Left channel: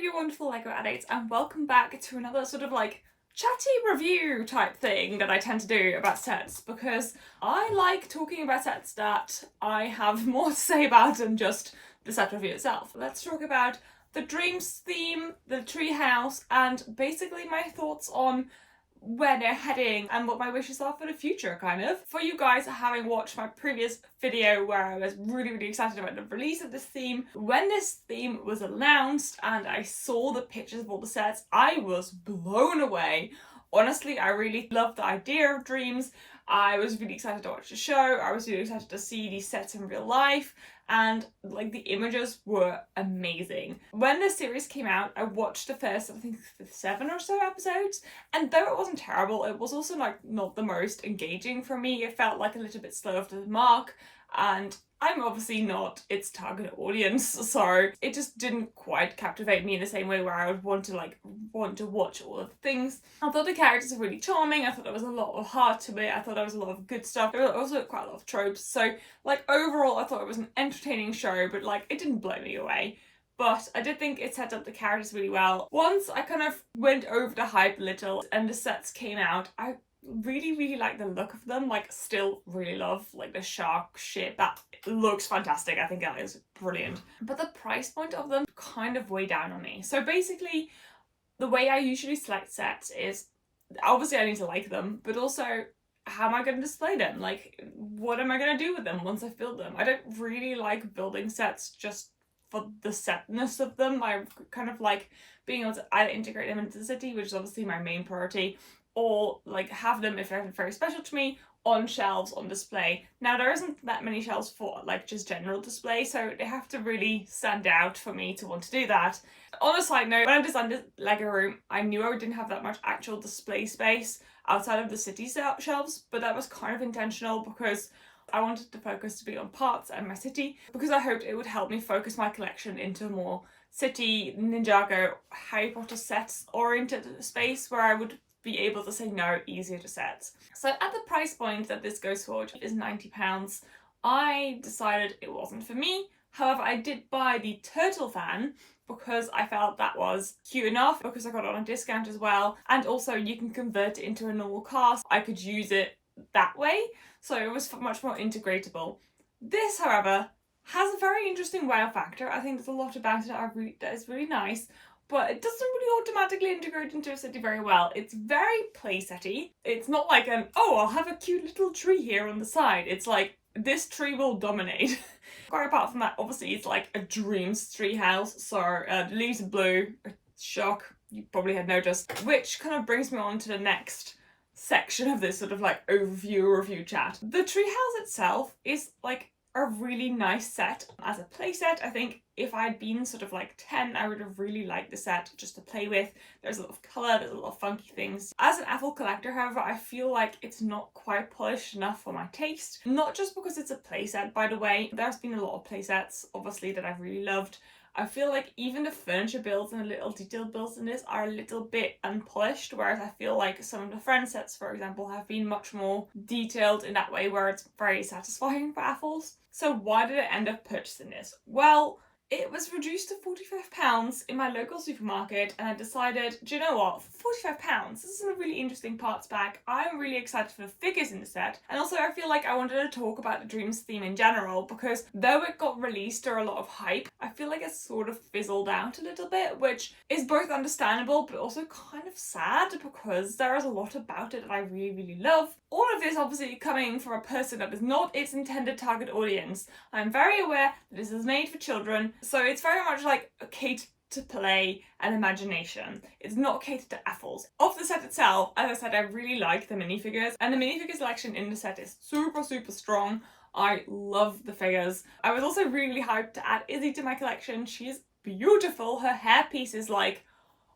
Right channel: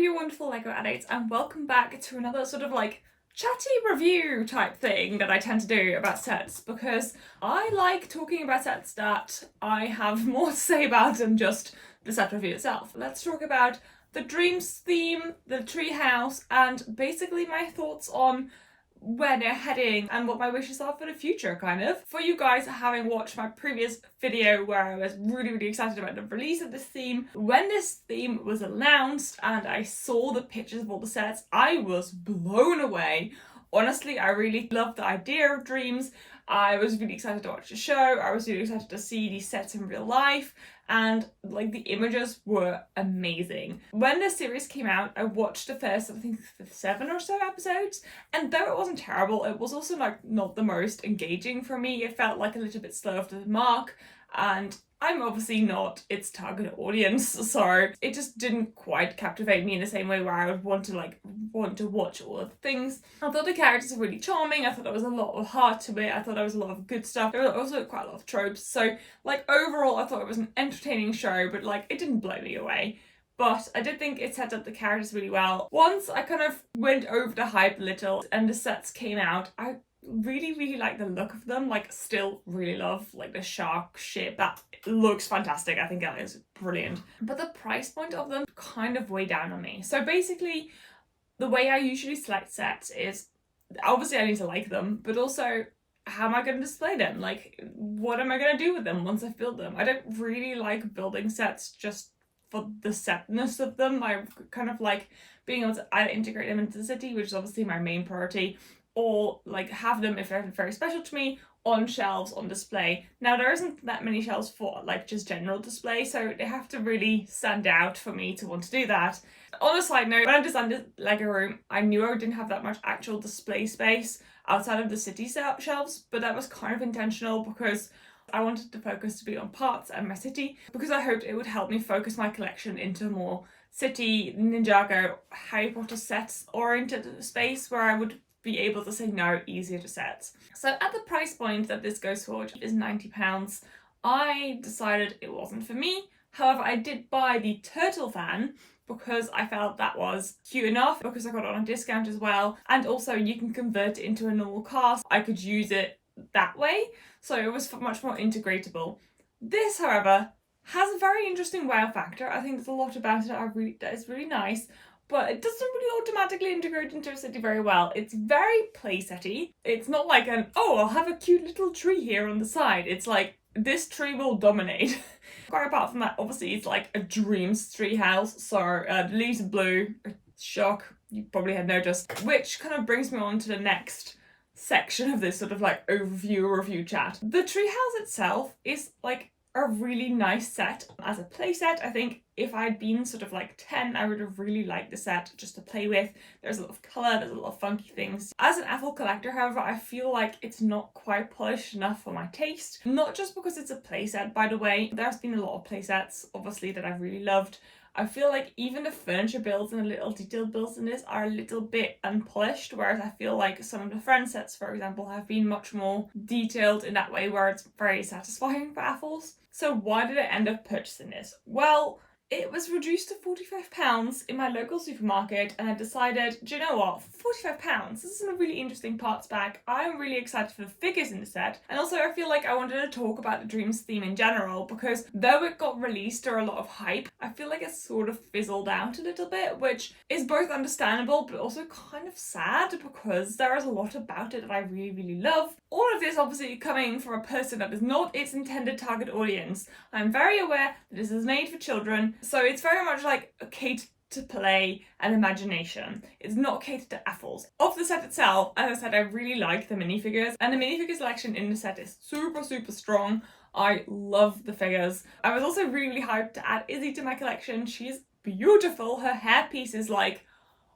you wonderful Lego addicts, and welcome back to another sort of like chatty review type thing that I tend to do about sets, because I like talking about sets that I have more to say about than just the set review itself. Let's talk about the Dreamzzz theme, the Treehouse, and basically my thoughts on where they're heading and what my wishes are for the future, kind of. For you guys having watched my previous video where I was really excited about the release of this theme, when this theme was announced and I saw the pictures of all the sets, I was blown away. Honestly, I really loved the idea of Dreamzzz. I was really excited to watch the show. I was really excited to see these sets in real life, and like the images were amazing. When the series came out, I watched the first, I think, 7 or so episodes, and though it wasn't terrible, it was also like not the most engaging for me. It felt like a little bit slow after the mark, and I'm obviously not its target audience, so it just didn't quite captivate me in the same way where I would want to watch all of the things. I thought the characters were really charming. I thought there was a lot of heart to it. I thought there was a lot of good stuff. There were also quite a lot of tropes. So like overall, I thought it was an entertaining show, but like it didn't blow me away. But I did think it set up the characters really well. Once I kind of went over the hype a little and the sets came out, I really like the look of them. Like still really love like the shark ship. That looks fantastic. I think that is brilliant. But the price point of them kind of weighed down on me. So basically the way I usually select sets is obviously I need to like them, but also how am I going to display them? Like what am I going to do with them once I've built them? I don't really like building sets just for the setness of them. I kind of like being able to either integrate them into the city, which is obviously my main priority, or like have them, if they're very special to me, on shelves on display. Now there isn't that many shelves for like just general display, so they have to really stand out for me to want to do that. On a side note, when I designed the Lego room, I knew I didn't have that much actual display space outside of the city shelves, but that was kind of intentional because I wanted the focus to be on parts and my city, because I hoped it would help me focus my collection into more city, Ninjago, Harry Potter sets oriented space where I would be able to say no easier to sets. So at the price point that this goes for, which is £90, I decided it wasn't for me. However, I did buy the turtle fan because I felt that was cute enough, because I got it on a discount as well, and also you can convert it into a normal cast. I could use it that way, so it was much more integratable. This, however, has a very interesting wow factor. I think there's a lot about it that is really nice, but it doesn't really automatically integrate into a city very well. It's very playsetty. It's not like oh, I'll have a cute little tree here on the side. It's like, this tree will dominate. Quite apart from that, obviously it's like a Dreamzzz treehouse, so the leaves are blue. Shock, you probably had noticed. Which kind of brings me on to the next section of this sort of like overview review chat. The treehouse itself is like a really nice set as a play set. I think if I'd been sort of like 10, I would have really liked the set just to play with. There's a lot of colour, there's a lot of funky things. As an Apple collector, however, I feel like it's not quite polished enough for my taste. Not just because it's a play set, by the way. There's been a lot of play sets, obviously, that I've really loved. I feel like even the furniture builds and the little detailed builds in this are a little bit unpolished, whereas I feel like some of the friend sets, for example, have been much more detailed in that way where it's very satisfying for Apples. So why did I end up purchasing this? Well, it was reduced to £45 in my local supermarket, and I decided, do you know what, £45, this is a really interesting parts pack. I'm really excited for the figures in the set, and also I feel like I wanted to talk about the Dreamzzz theme in general, because though it got released or a lot of hype, I feel like it's sort of fizzled out a little bit, which is both understandable but also kind of sad, because there is a lot about it that I really love. All of this obviously coming from a person that is not its intended target audience. I'm very aware that this is made for children, so it's very much like catered to play and imagination. It's not catered to Apples. Of the set itself, as I said, I really like the minifigures, and the minifigure selection in the set is super strong. I love the figures. I was also really hyped to add Izzy to my collection. She's beautiful. Her hairpiece is like,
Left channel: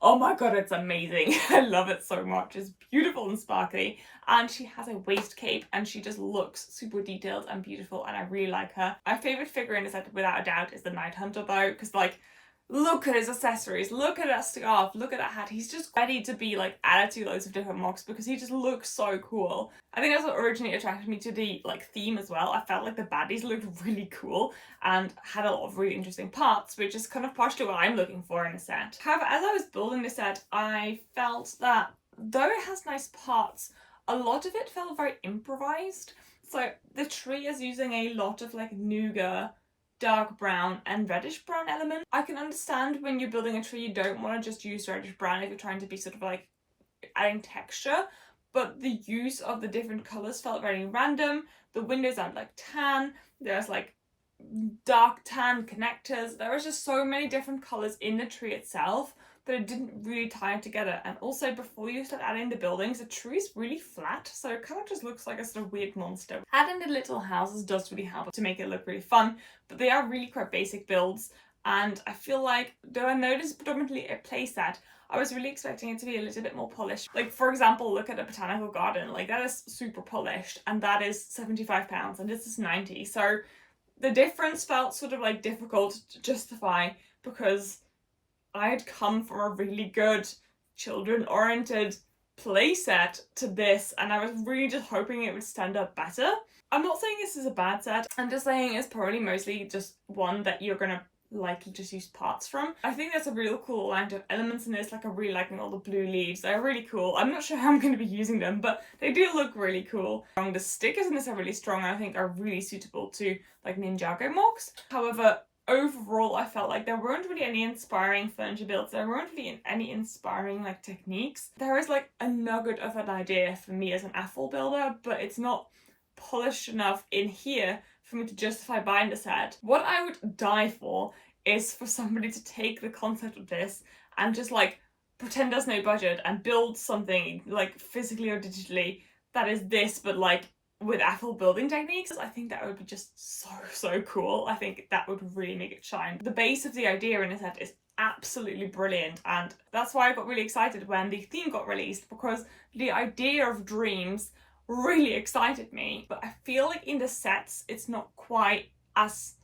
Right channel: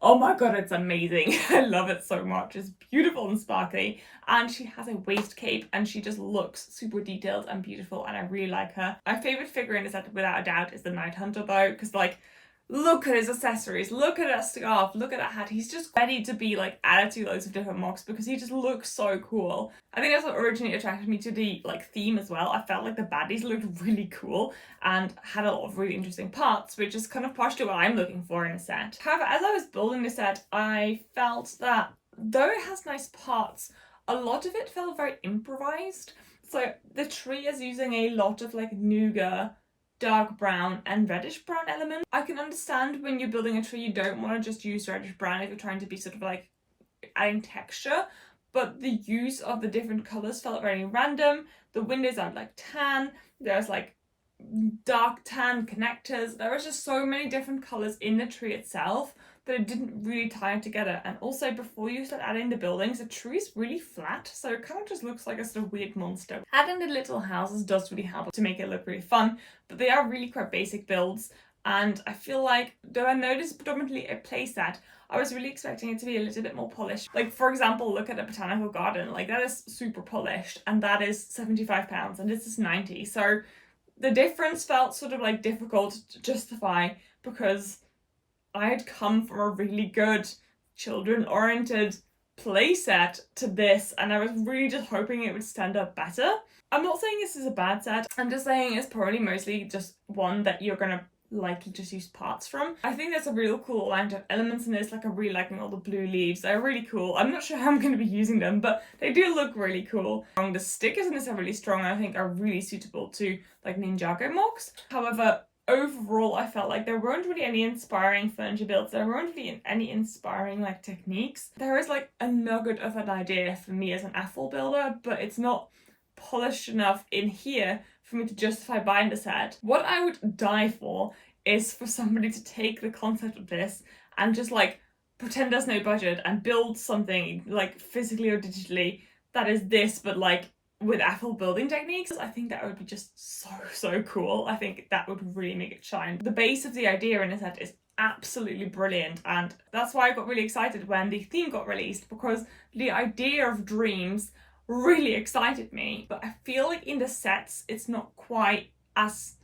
oh my god, it's amazing. I love it so much. It's beautiful and sparkly, and she has a waist cape and she just looks super detailed and beautiful, and I really like her. My favourite figure in the set without a doubt is the Night Hunter though, because like look at his accessories, look at that scarf, look at that hat. He's just ready to be like added to loads of different mocks because he just looks so cool. I think that's what originally attracted me to the like theme as well. I felt like the baddies looked really cool and had a lot of really interesting parts, which is kind of partially what I'm looking for in a set. However, as I was building the set, I felt that though it has nice parts, a lot of it felt very improvised. So the tree is using a lot of like nougat, dark brown and reddish brown elements. I can understand when you're building a tree you don't want to just use reddish brown if you're trying to be sort of like adding texture, but the use of the different colours felt very random. The windows are like tan, there's like dark tan connectors, there was just so many different colours in the tree itself that it didn't really tie together. And also before you start adding the buildings, the tree is really flat, so it kind of just looks like a sort of weird monster. Adding the little houses does really help to make it look really fun, but they are really quite basic builds. And I feel like, though I know this is predominantly a playset, I was really expecting it to be a little bit more polished. Like for example, look at a botanical garden, like that is super polished and that is £75 and this is 90. So the difference felt sort of like difficult to justify because I had come from a really good children-oriented playset to this and I was really just hoping it would stand up better. I'm not saying this is a bad set, I'm just saying it's probably mostly just one that you're gonna likely just use parts from. I think there's a real cool amount of elements in this, like I'm really liking all the blue leaves, they're really cool. I'm not sure how I'm going to be using them, but they do look really cool. The stickers in this are really strong and I think are really suitable to like Ninjago mocks. However, overall I felt like there weren't really any inspiring furniture builds, there weren't really any inspiring like techniques. There is like a nugget of an idea for me as an Apple builder, but it's not polished enough in here for me to justify buying the set. What I would die for is for somebody to take the concept of this and just like pretend there's no budget and build something like physically or digitally that is this but like with Apple building techniques. I think that would be just so cool. I think that would really make it shine. The base of the idea in a set is absolutely brilliant and that's why I got really excited when the theme got released, because the idea of dreams really excited me, but I feel like in the sets it's not quite as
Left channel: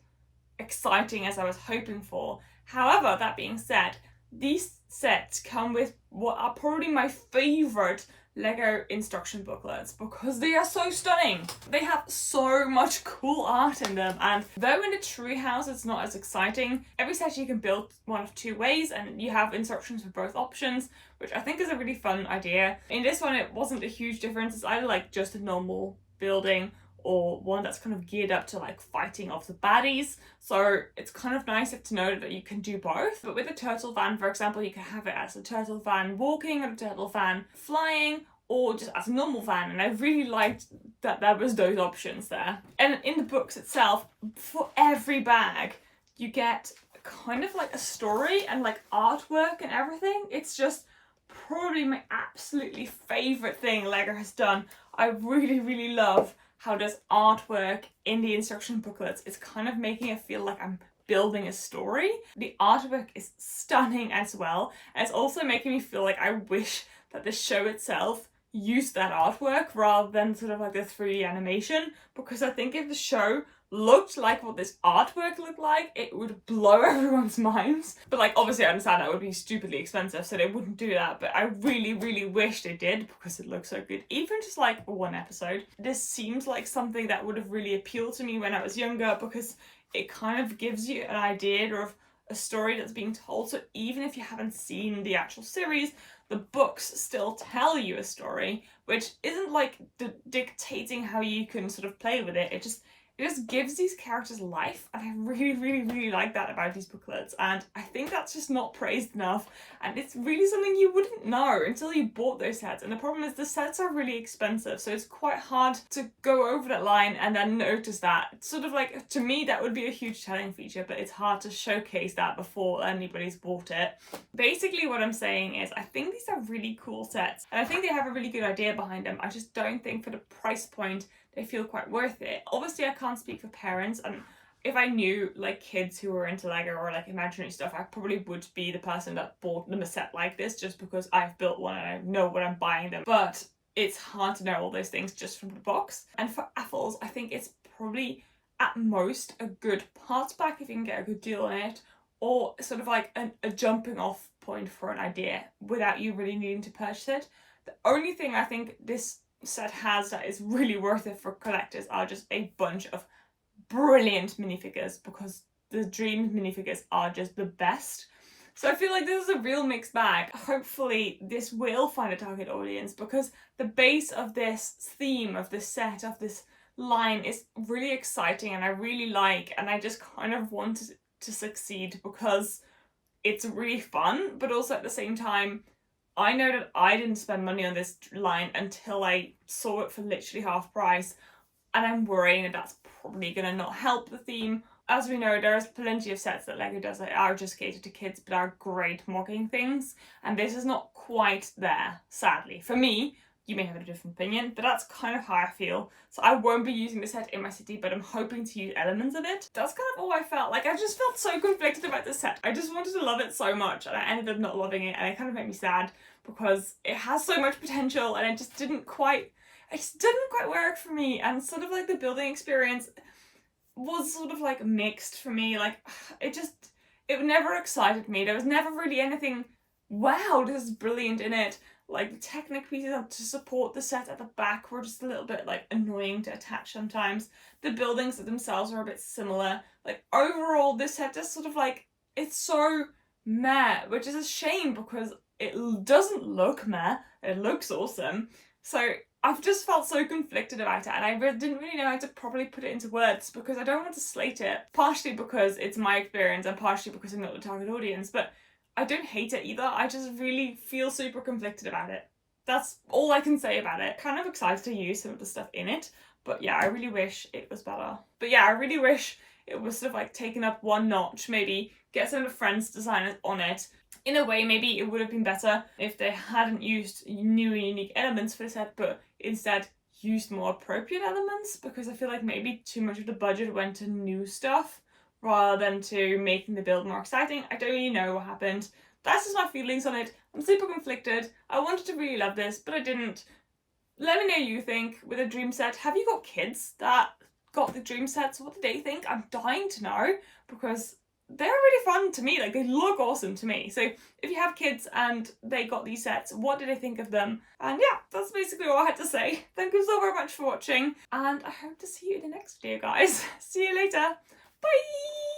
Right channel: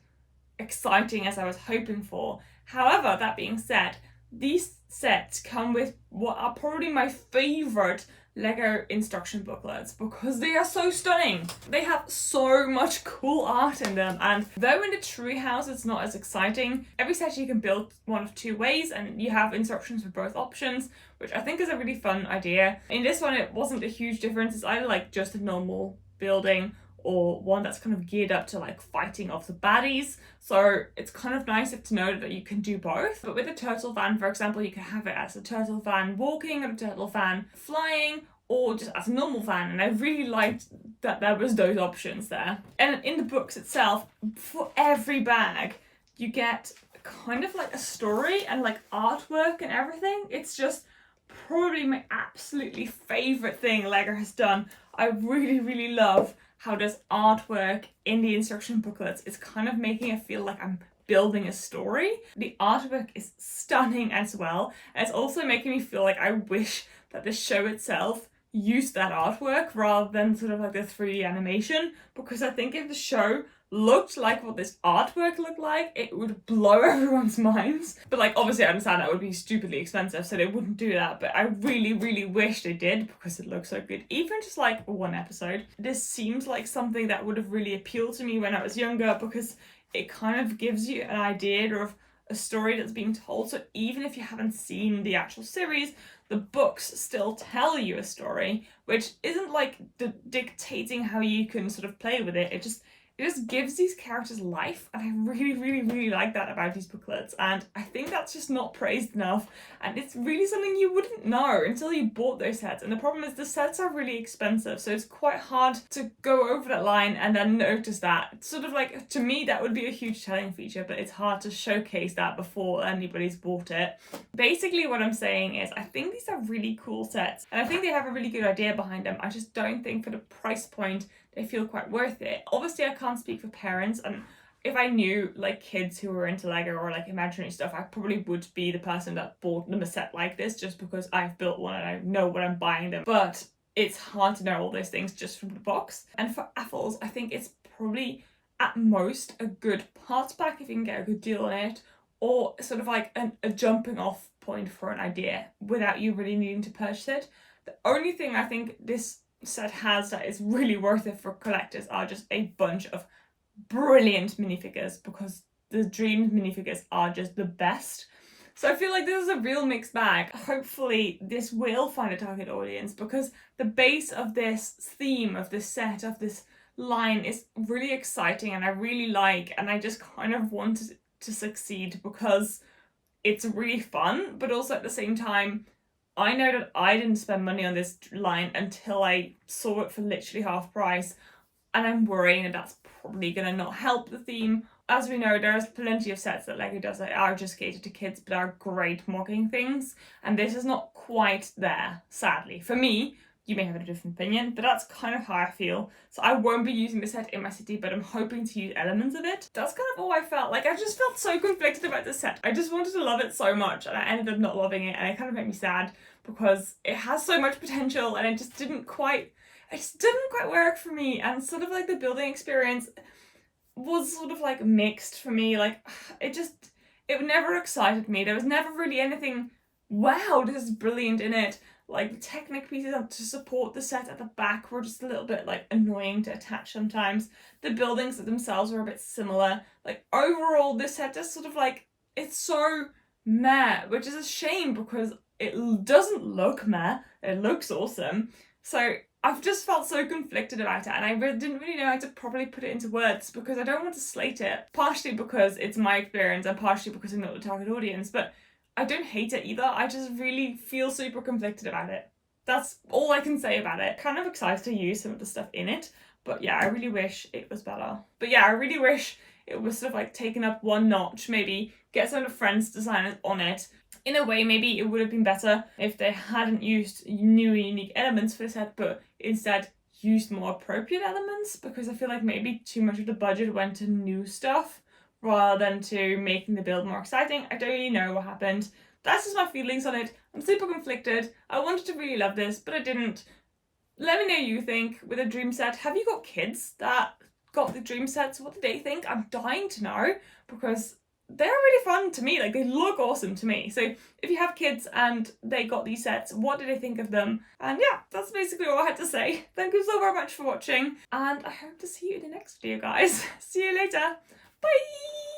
exciting as I was hoping for. However, that being said, these sets come with what are probably my favourite Lego instruction booklets because they are so stunning. They have so much cool art in them, and though in the Treehouse it's not as exciting, every set you can build one of two ways and you have instructions for both options, which I think is a really fun idea. In this one it wasn't a huge difference, it's either like just a normal building or one that's kind of geared up to like fighting off the baddies. So it's kind of nice to know that you can do both. But with a turtle van, for example, you can have it as a turtle van walking or a turtle van flying, or just as a normal van, and I really liked that there was those options there. And in the books itself, for every bag, you get kind of like a story and like artwork and everything. It's just probably my absolutely favourite thing Lego has done. I really love how there's artwork in the instruction booklets. It's kind of making it feel like I'm building a story. The artwork is stunning as well. And it's also making me feel like I wish that the show itself used that artwork rather than sort of like the 3D animation, because I think if the show looked like what this artwork looked like, it would blow everyone's minds. But like obviously I understand that would be stupidly expensive, so they wouldn't do that, but I really wish they did because it looks so good. Even just like one episode, this seems like something that would have really appealed to me when I was younger, because it kind of gives you an idea of a story that's being told. So even if you haven't seen the actual series, the books still tell you a story, which isn't like dictating how you can sort of play with it. It just gives these characters life, and I really like that about these booklets, and I think that's just not praised enough, and it's really something you wouldn't know until you bought those sets. And the problem is the sets are really expensive, so it's quite hard to go over that line and then notice that. It's sort of like, to me that would be a huge selling feature, but it's hard to showcase that before anybody's bought it. Basically what I'm saying is I think these are really cool sets, and I think they have a really good idea behind them. I just don't think for the price point they feel quite worth it. Obviously I can't speak for parents, and if I knew like kids who were into Lego or like imaginary stuff, I probably would be the person that bought them a set like this just because I've built one and I know what I'm buying them. But it's hard to know all those things just from the box. And for Apples, I think it's probably at most a good parts pack if you can get a good deal on it, or sort of like a jumping off point for an idea without you really needing to purchase it. The only thing I think this set has that is really worth it for collectors are just a bunch of brilliant minifigures, because the Dreamzzz minifigures are just the best. So I feel like this is a real mixed bag. Hopefully this will find a target audience, because the base of this theme, of this set, of this line is really exciting and I really like, and I just kind of wanted it to succeed because it's really fun, but also at the same time, I know that I didn't spend money on this line until I saw it for literally half price, and I'm worrying that that's probably going to not help the theme. As we know, there's plenty of sets that LEGO does that are just catered to kids but are great mocking things, and this is not quite there, sadly. For me, you may have a different opinion, but that's kind of how I feel. So I won't be using the set in my city, but I'm hoping to use elements of it. That's kind of all I felt. Like, I just felt so conflicted about this set. I just wanted to love it so much, and I ended up not loving it, and it kind of made me sad because it has so much potential and it just didn't quite work for me. And sort of like the building experience was sort of like mixed for me. Like, it never excited me. There was never really anything, wow, this is brilliant in it. Like, the Technic pieces to support the set at the back were just a little bit like annoying to attach sometimes. The buildings themselves were a bit similar. Like, overall, this set just sort of like, it's so meh, which is a shame because it doesn't look meh. It looks awesome. So I've just felt so conflicted about it, and I didn't really know how to properly put it into words because I don't want to slate it. Partially because it's my experience and partially because I'm not the target audience, but I don't hate it either. I just really feel super conflicted about it. That's all I can say about it. Kind of excited to use some of the stuff in it, but yeah, I really wish it was better. But yeah, I really wish it was sort of like taken up one notch, maybe get some of the friends designers on it. In a way, maybe it would have been better if they hadn't used new and unique elements for the set, but instead used more appropriate elements, because I feel like maybe too much of the budget went to new stuff rather than to making the build more exciting. I don't really know what happened. That's just my feelings on it. I'm super conflicted. I wanted to really love this, but I didn't. Let me know what you think with a dream set. Have you got kids that got the dream sets? What did they think? I'm dying to know, because they're really fun to me. Like, they look awesome to me. So if you have kids and they got these sets, what did they think of them? And yeah, that's basically all I had to say. Thank you so very much for watching, and I hope to see you in the next video, guys. See you later. Bye!